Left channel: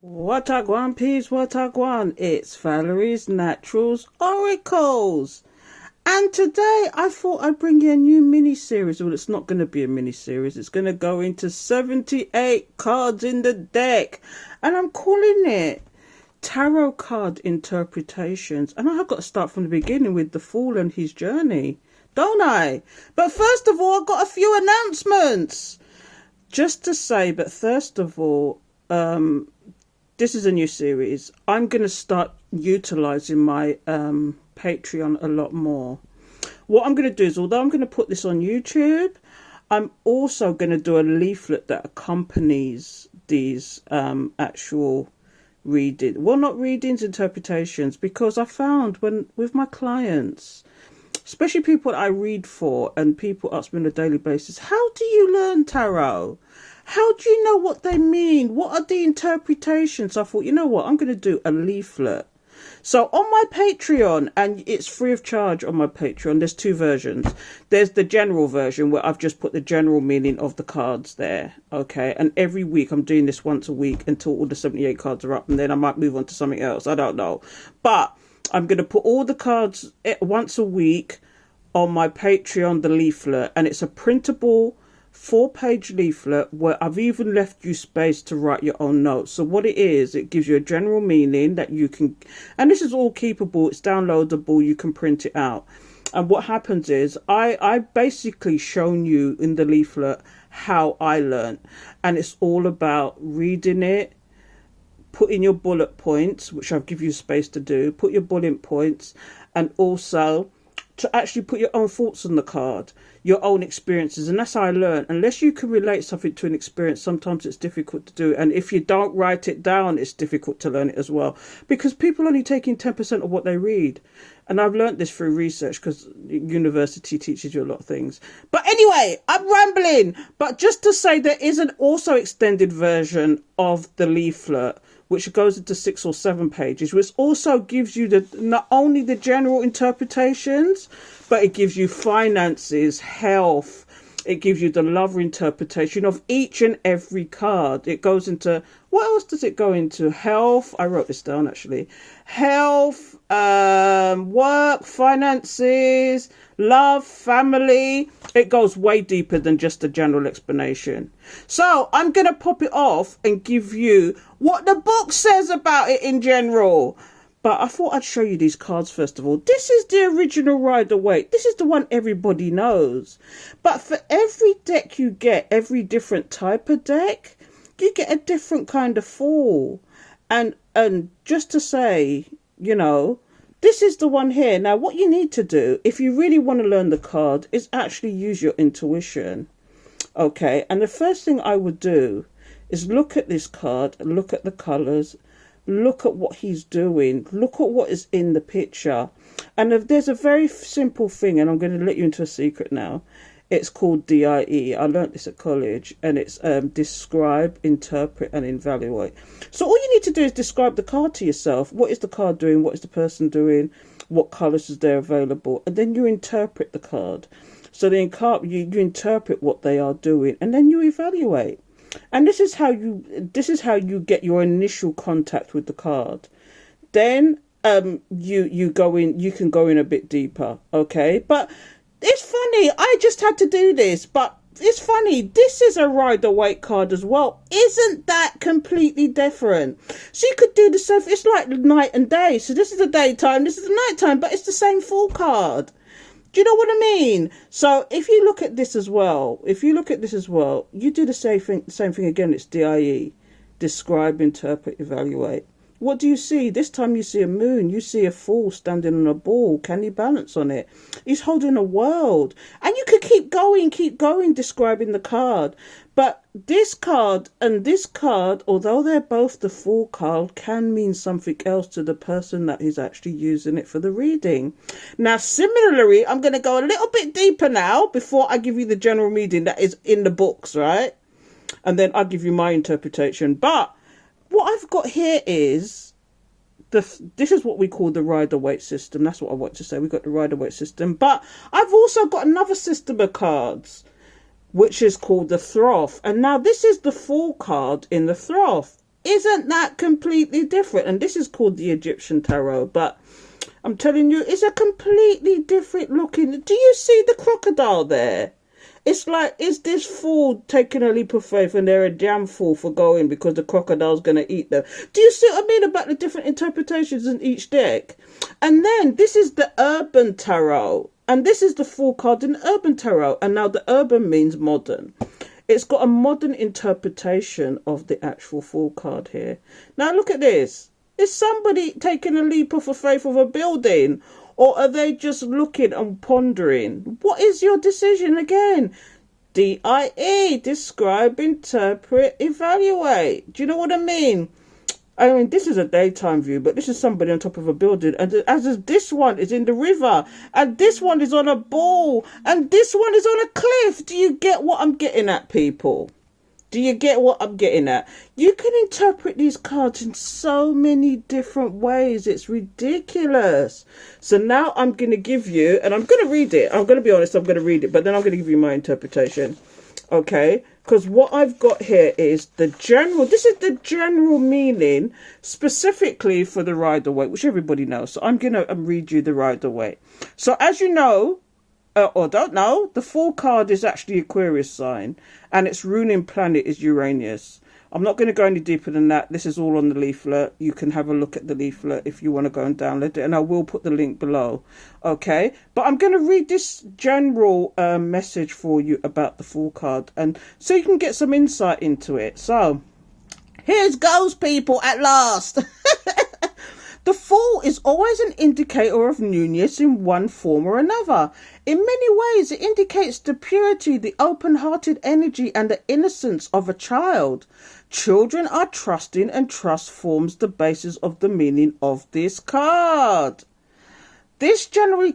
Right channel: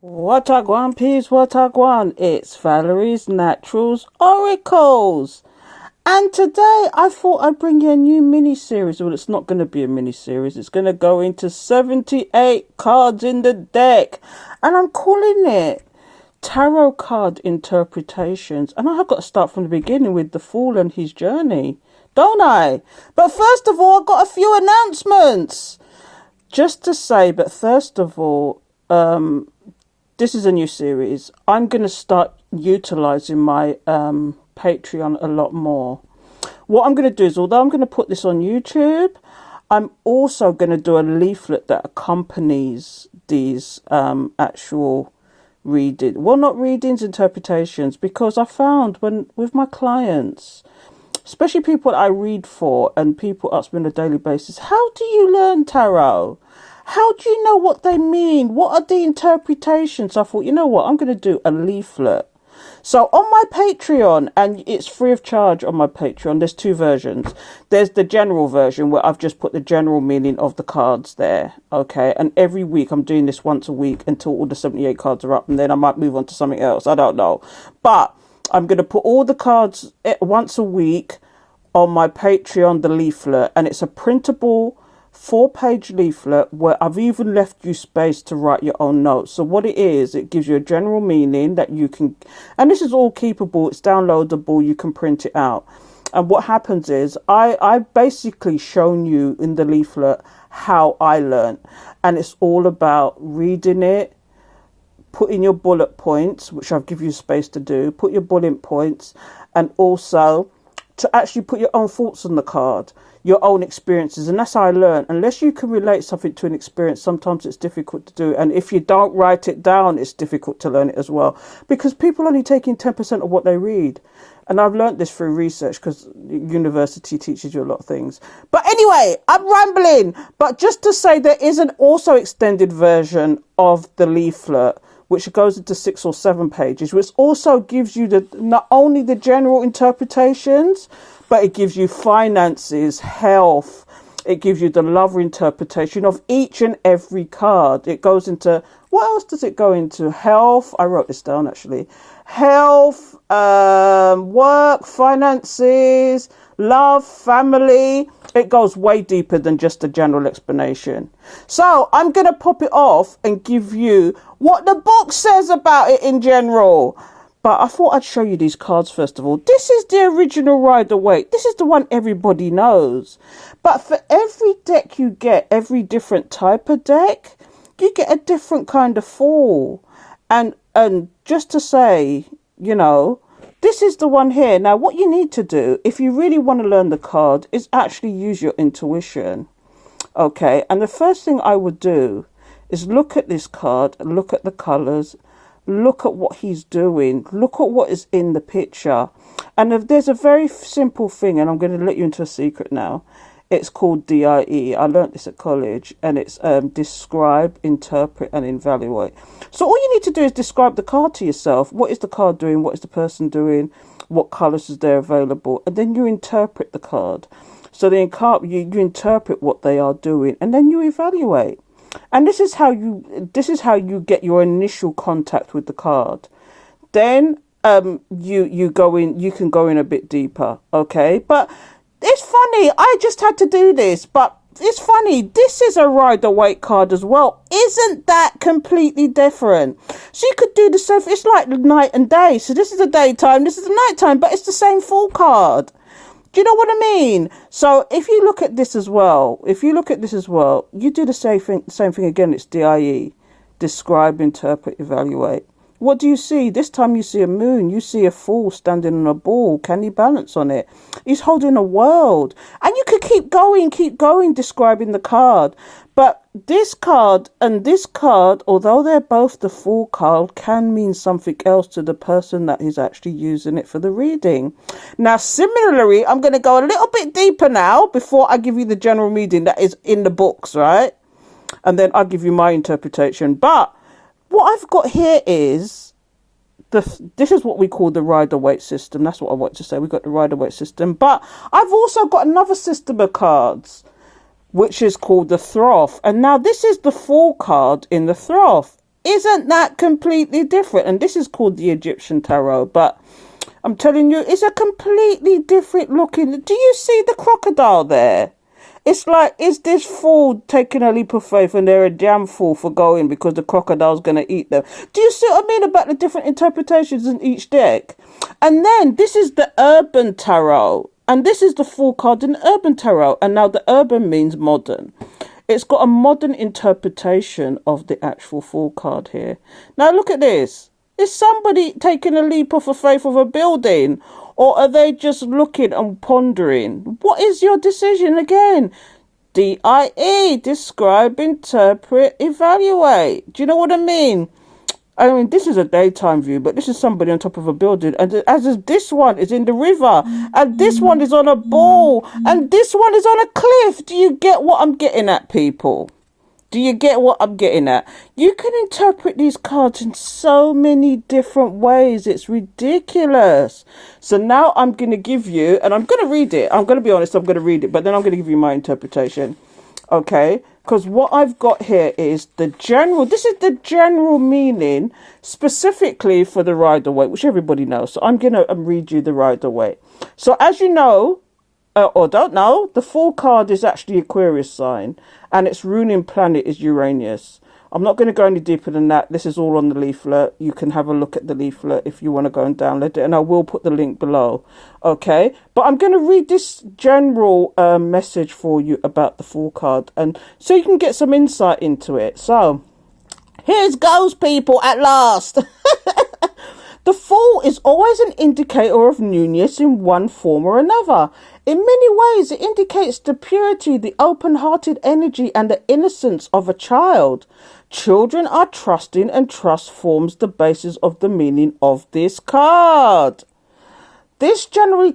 What a gwan, peeps, what a gwan. It's Valerie's Naturals Oracles. And today I thought I'd bring you a new mini-series. Well, it's not going to be a mini-series. It's going to go into 78 cards in the deck. And I'm calling it Tarot Card Interpretations. And I've got to start from the beginning with the Fool and his journey, don't I? But first of all, I've got a few announcements. Just to say, but first of all, this is a new series. I'm going to start utilizing my Patreon a lot more. What I'm going to do is, although I'm going to put this on YouTube, I'm also going to do a leaflet that accompanies these actual reading. Well, not readings, interpretations, because I found with my clients, especially people I read for and people ask me on a daily basis, how do you learn tarot? How do you know what they mean? What are the interpretations? I thought, you know what? I'm going to do a leaflet. So on my Patreon, and it's free of charge on my Patreon, there's two versions. There's the general version where I've just put the general meaning of the cards there. Okay. And every week I'm doing this once a week until all the 78 cards are up. And then I might move on to something else. I don't know. But I'm going to put all the cards once a week on my Patreon, the leaflet. And it's a printable 4-page leaflet where I've even left you space to write your own notes. So what it is, it gives you a general meaning that you can, and this is all keepable, it's downloadable, you can print it out. And what happens is I basically shown you in the leaflet how I learned, and it's all about reading it, putting your bullet points, which I'll give you space to do, put your bullet points, and also to actually put your own thoughts on the card, your own experiences. And that's how I learn. Unless you can relate something to an experience, sometimes it's difficult to do. And if you don't write it down, it's difficult to learn it as well. Because people only taking 10% of what they read. And I've learned this through research because university teaches you a lot of things. But anyway, I'm rambling. But just to say, there is an also extended version of the leaflet, which goes into 6 or 7 pages, which also gives you not only the general interpretations, but it gives you finances, health. It gives you the love interpretation of each and every card. It goes into, what else does it go into? Health. I wrote this down actually. Health, work, finances, love, family. It goes way deeper than just a general explanation. So I'm going to pop it off and give you what the book says about it in general. But I thought I'd show you these cards first of all. This is the original Rider-Waite. This is the one everybody knows. But for every deck you get, every different type of deck, you get a different kind of Fool. And just to say, you know, this is the one here. Now, what you need to do, if you really want to learn the card, is actually use your intuition. Okay, and the first thing I would do is look at this card, look at the colours, look at what he's doing, look at what is in the picture. And if there's a very simple thing, and I'm going to let you into a secret now. It's called DIE. I learned this at college, and it's describe, interpret, and evaluate. So all you need to do is describe the card to yourself. What is the card doing? What is the person doing? What colours is there available? And then you interpret the card. So you interpret what they are doing, and then you evaluate. And this is how you get your initial contact with the card. Then you go in. You can go in a bit deeper. Okay, but it's funny, I just had to do this, but it's funny, this is a Rider-Waite card as well. Isn't that completely different? So you could do the same, it's like night and day. So this is the daytime, this is the nighttime, but it's the same Fool card. Do you know what I mean? So if you look at this as well, you do the same thing again. It's DIE, describe, interpret, evaluate. What do you see? This time you see a moon. You see a Fool standing on a ball. Can he balance on it? He's holding a world. And you could keep going, describing the card. But this card and this card, although they're both the Fool card, can mean something else to the person that is actually using it for the reading. Now, similarly, I'm going to go a little bit deeper now before I give you the general meaning that is in the books, right? And then I'll give you my interpretation. But what I've got here is this is what we call the Rider-Waite system. That's what I want to say. We've got the Rider-Waite system. But I've also got another system of cards, which is called the Throth. And now this is the Fool card in the Throth. Isn't that completely different? And this is called the Egyptian tarot, but I'm telling you, it's a completely different looking. Do you see the crocodile there? It's like, is this fool taking a leap of faith and they're a damn fool for going because the crocodile's going to eat them? Do you see what I mean about the different interpretations in each deck? And then this is the urban tarot. And this is the Fool card in the urban tarot. And now the urban means modern. It's got a modern interpretation of the actual Fool card here. Now look at this. Is somebody taking a leap of faith of a building? Or are they just looking and pondering? What is your decision again? DIE, describe, interpret, evaluate. Do you know what I mean? I mean, this is a daytime view, but this is somebody on top of a building. And as this one is in the river, and this one is on a ball, and this one is on a cliff. Do you get what I'm getting at, people? Do you get what I'm getting at? You can interpret these cards in so many different ways. It's ridiculous. So now I'm going to give you, and I'm going to read it. I'm going to be honest, I'm going to read it, but then I'm going to give you my interpretation. Okay? Because what I've got here is this is the general meaning specifically for the Rider-Waite, which everybody knows. So I'm going to read you the Rider-Waite. So as you know, or don't know, the Fool card is actually Aquarius sign, and its ruling planet is Uranus. I'm not going to go any deeper than that. This is all on the leaflet. You can have a look at the leaflet if you want to go and download it, and I will put the link below. Okay, but I'm going to read this general message for you about the Fool card, and so you can get some insight into it. So here goes, people, at last. The Fool is always an indicator of newness in one form or another. In many ways, it indicates the purity, the open-hearted energy, and the innocence of a child. Children are trusting, and trust forms the basis of the meaning of this card. This generally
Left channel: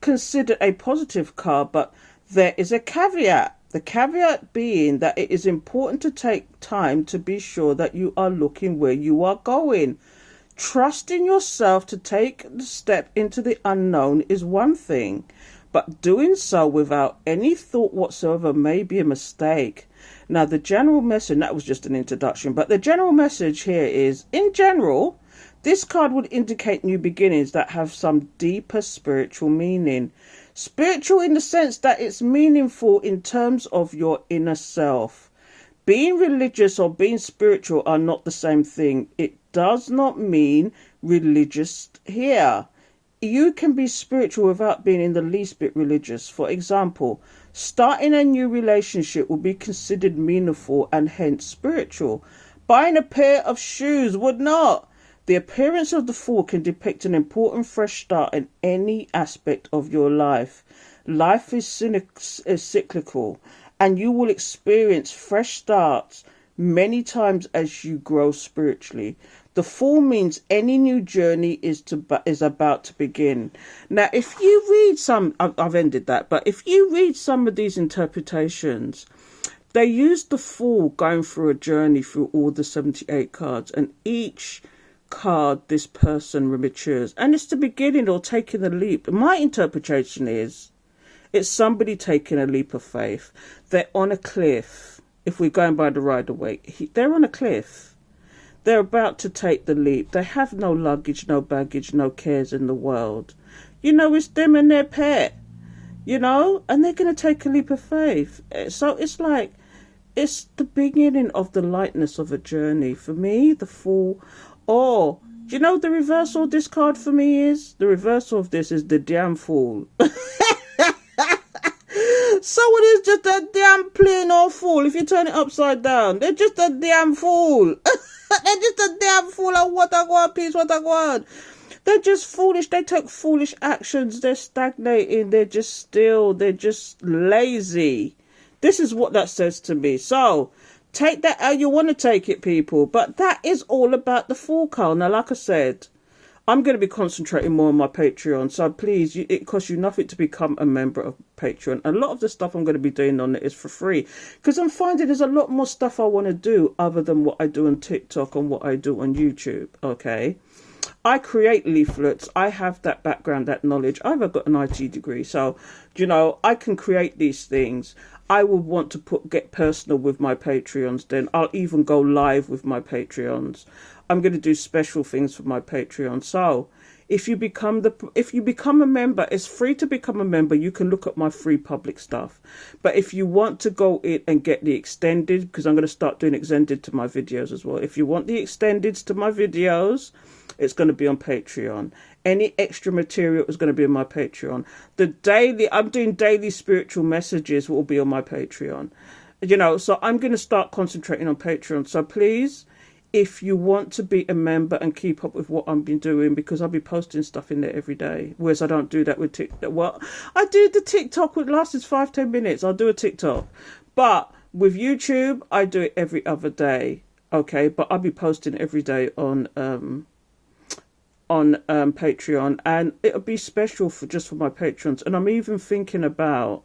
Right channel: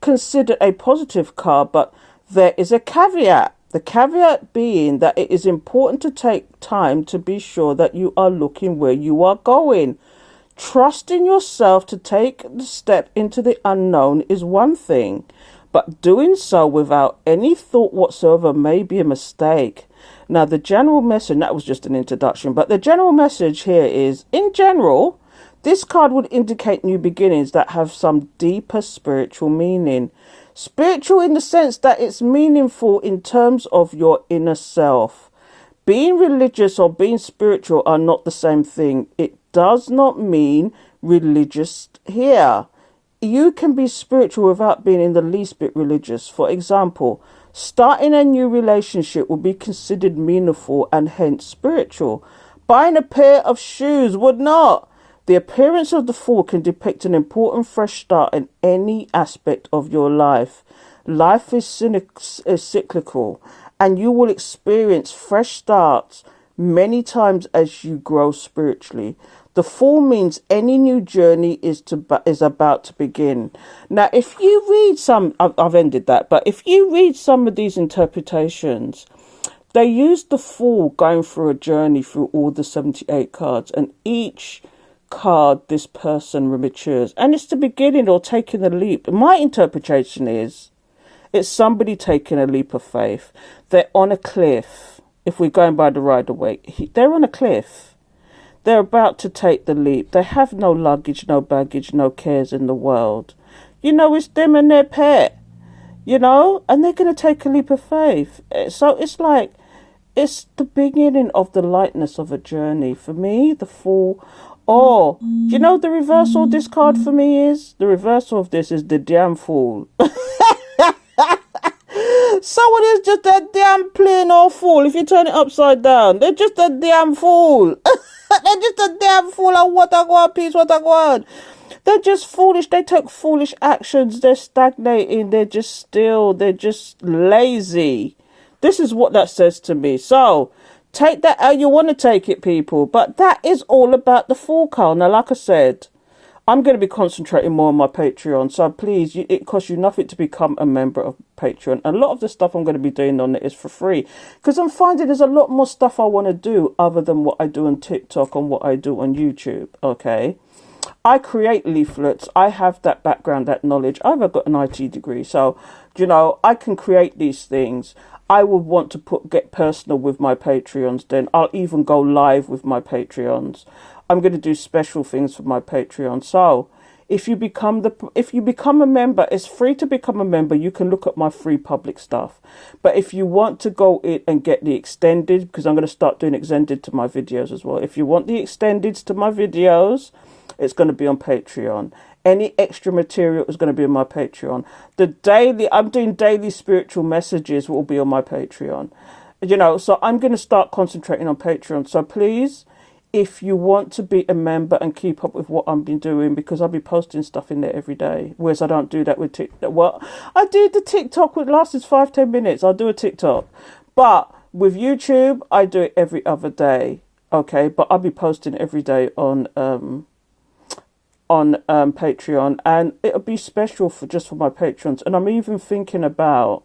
considered a positive card, but there is a caveat. The caveat being that it is important to take time to be sure that you are looking where you are going. Trusting yourself to take the step into the unknown is one thing, but doing so without any thought whatsoever may be a mistake. Now, the general message, that was just an introduction, but the general message here is, in general, this card would indicate new beginnings that have some deeper spiritual meaning. Spiritual in the sense that it's meaningful in terms of your inner self. Being religious or being spiritual are not the same thing. It does not mean religious here. You can be spiritual without being in the least bit religious. For example, starting a new relationship will be considered meaningful and hence spiritual. Buying a pair of shoes would not. The appearance of the Fool can depict an important fresh start in any aspect of your life. Life is cyclical, and you will experience fresh starts many times as you grow spiritually. The Fool means any new journey is about to begin. Now, if you read I've ended that, but if you read some of these interpretations, they use the Fool going through a journey through all the 78 cards, and each card this person matures, and it's the beginning or taking a leap. My interpretation is it's somebody taking a leap of faith. They're on a cliff. If we're going by the Rider-Waite, they're on a cliff. They're about to take the leap. They have no luggage, no baggage, no cares in the world. You know, it's them and their pet, you know, and they're going to take a leap of faith. So it's like, it's the beginning of the lightness of a journey. For me, the Fool. Or, do you know the reversal of this card for me is? The reversal of this is the damn Fool. Someone is just a damn plain old fool. If you turn it upside down, they're just a damn fool. They're just a damn fool. And what I want, peace, what I want. They're just foolish. They take foolish actions. They're stagnating. They're just still. They're just lazy. This is what that says to me. So, take that how you want to take it, people. But that is all about the Fool card. Now, like I said, I'm going to be concentrating more on my Patreon. So please, it costs you nothing to become a member of Patreon. A lot of the stuff I'm going to be doing on it is for free. Because I'm finding there's a lot more stuff I want to do other than what I do on TikTok and what I do on YouTube. Okay. I create leaflets. I have that background, that knowledge. I've got an IT degree. So, you know, I can create these things. I would want to get personal with my Patreons. Then I'll even go live with my Patreons. I'm going to do special things for my Patreon. So if you become a member, it's free to become a member. You can look at my free public stuff. But if you want to go in and get the extended, because I'm going to start doing extended to my videos as well. If you want the extendeds to my videos, it's going to be on Patreon. Any extra material is going to be on my Patreon. I'm doing daily spiritual messages will be on my Patreon. So I'm going to start concentrating on Patreon. So please, if you want to be a member and keep up with what I've been doing, because I'll be posting stuff in there every day, whereas I don't do that with TikTok. Well, I do the TikTok, which lasts 5-10 minutes. I'll do a TikTok. But with YouTube, I do it every other day. Okay, but I'll be posting every day on Patreon, and it'll be special for my patrons. And I'm even thinking about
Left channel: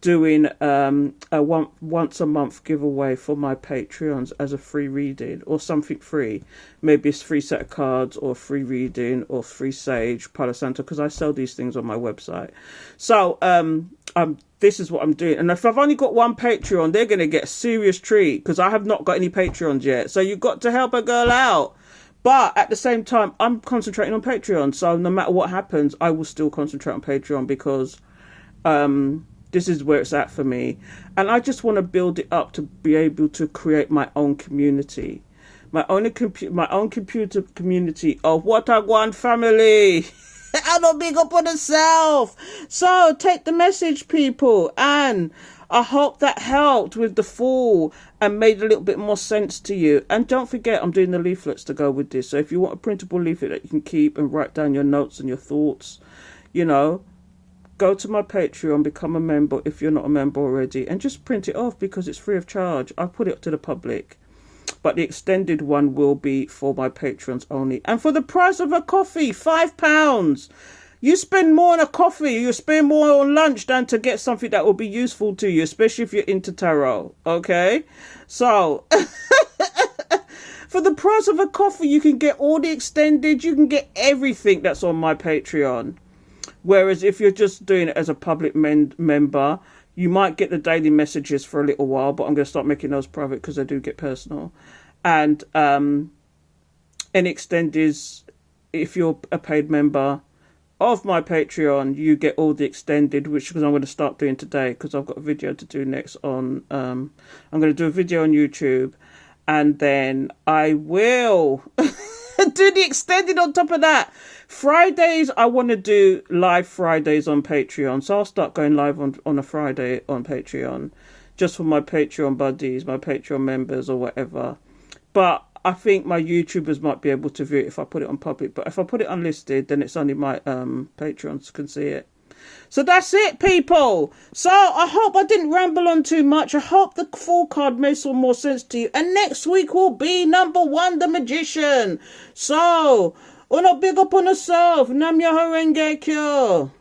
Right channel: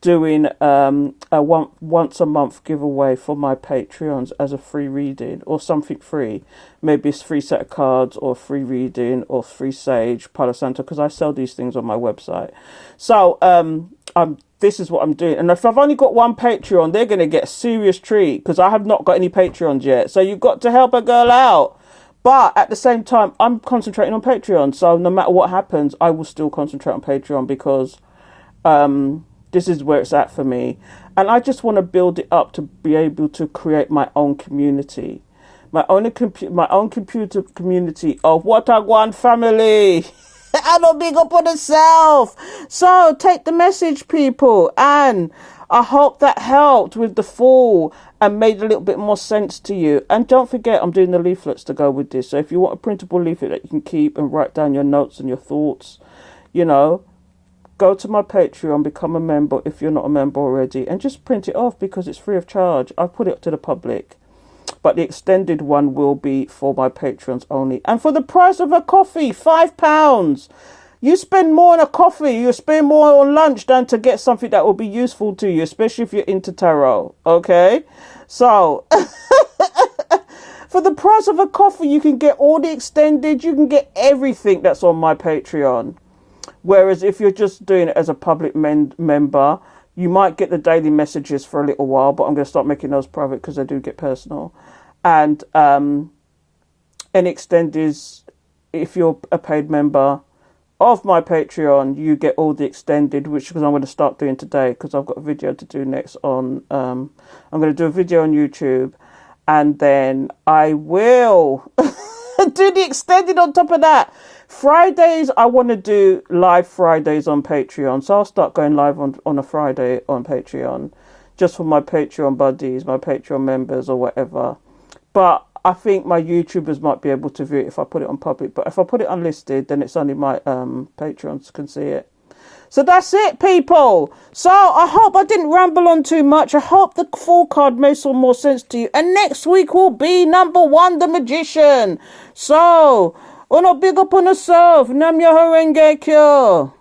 doing a once a month giveaway for my Patreons as a free reading or something free. Maybe it's free set of cards or free reading or free sage, Palo Santo, because I sell these things on my website. So this is what I'm doing. And if I've only got one Patreon, they're going to get a serious treat, because I have not got any Patreons yet. So you've got to help a girl out. But at the same time, I'm concentrating on Patreon. So no matter what happens, I will still concentrate on Patreon, because this is where it's at for me. And I just want to build it up to be able to create my own community. My own computer community of what a gwan family. I don't big up on myself. So take the message, people. And I hope that helped with the fall and made a little bit more sense to you. And don't forget, I'm doing the leaflets to go with this. So if you want a printable leaflet that you can keep and write down your notes and your thoughts, go to my Patreon, become a member if you're not a member already, and just print it off, because it's free of charge. I put it to the public. But the extended one will be for my patrons only. And for the price of a coffee, £5. You spend more on a coffee, you spend more on lunch than to get something that will be useful to you, especially if you're into tarot. Okay? So, for the price of a coffee, you can get all the extended, you can get everything that's on my Patreon. Whereas if you're just doing it as a public member, you might get the daily messages for a little while, but I'm going to start making those private because they do get personal. And an extend is, if you're a paid member of my Patreon, you get all the extended, which I'm going to start doing today, because I've got a video to do next on, I'm going to do a video on YouTube, and then I will do the extended on top of that. Fridays, I want to do live Fridays on Patreon. So I'll start going live on a Friday on Patreon, just for my Patreon buddies, my Patreon members or whatever. But I think my YouTubers might be able to view it if I put it on public. But if I put it unlisted, then it's only my Patreons can see it. So that's it, people. So I hope I didn't ramble on too much. I hope the full card made some more sense to you. And next week will be number 1, The Magician. So, wanna big up on yourself. Nam yo horenge kyo.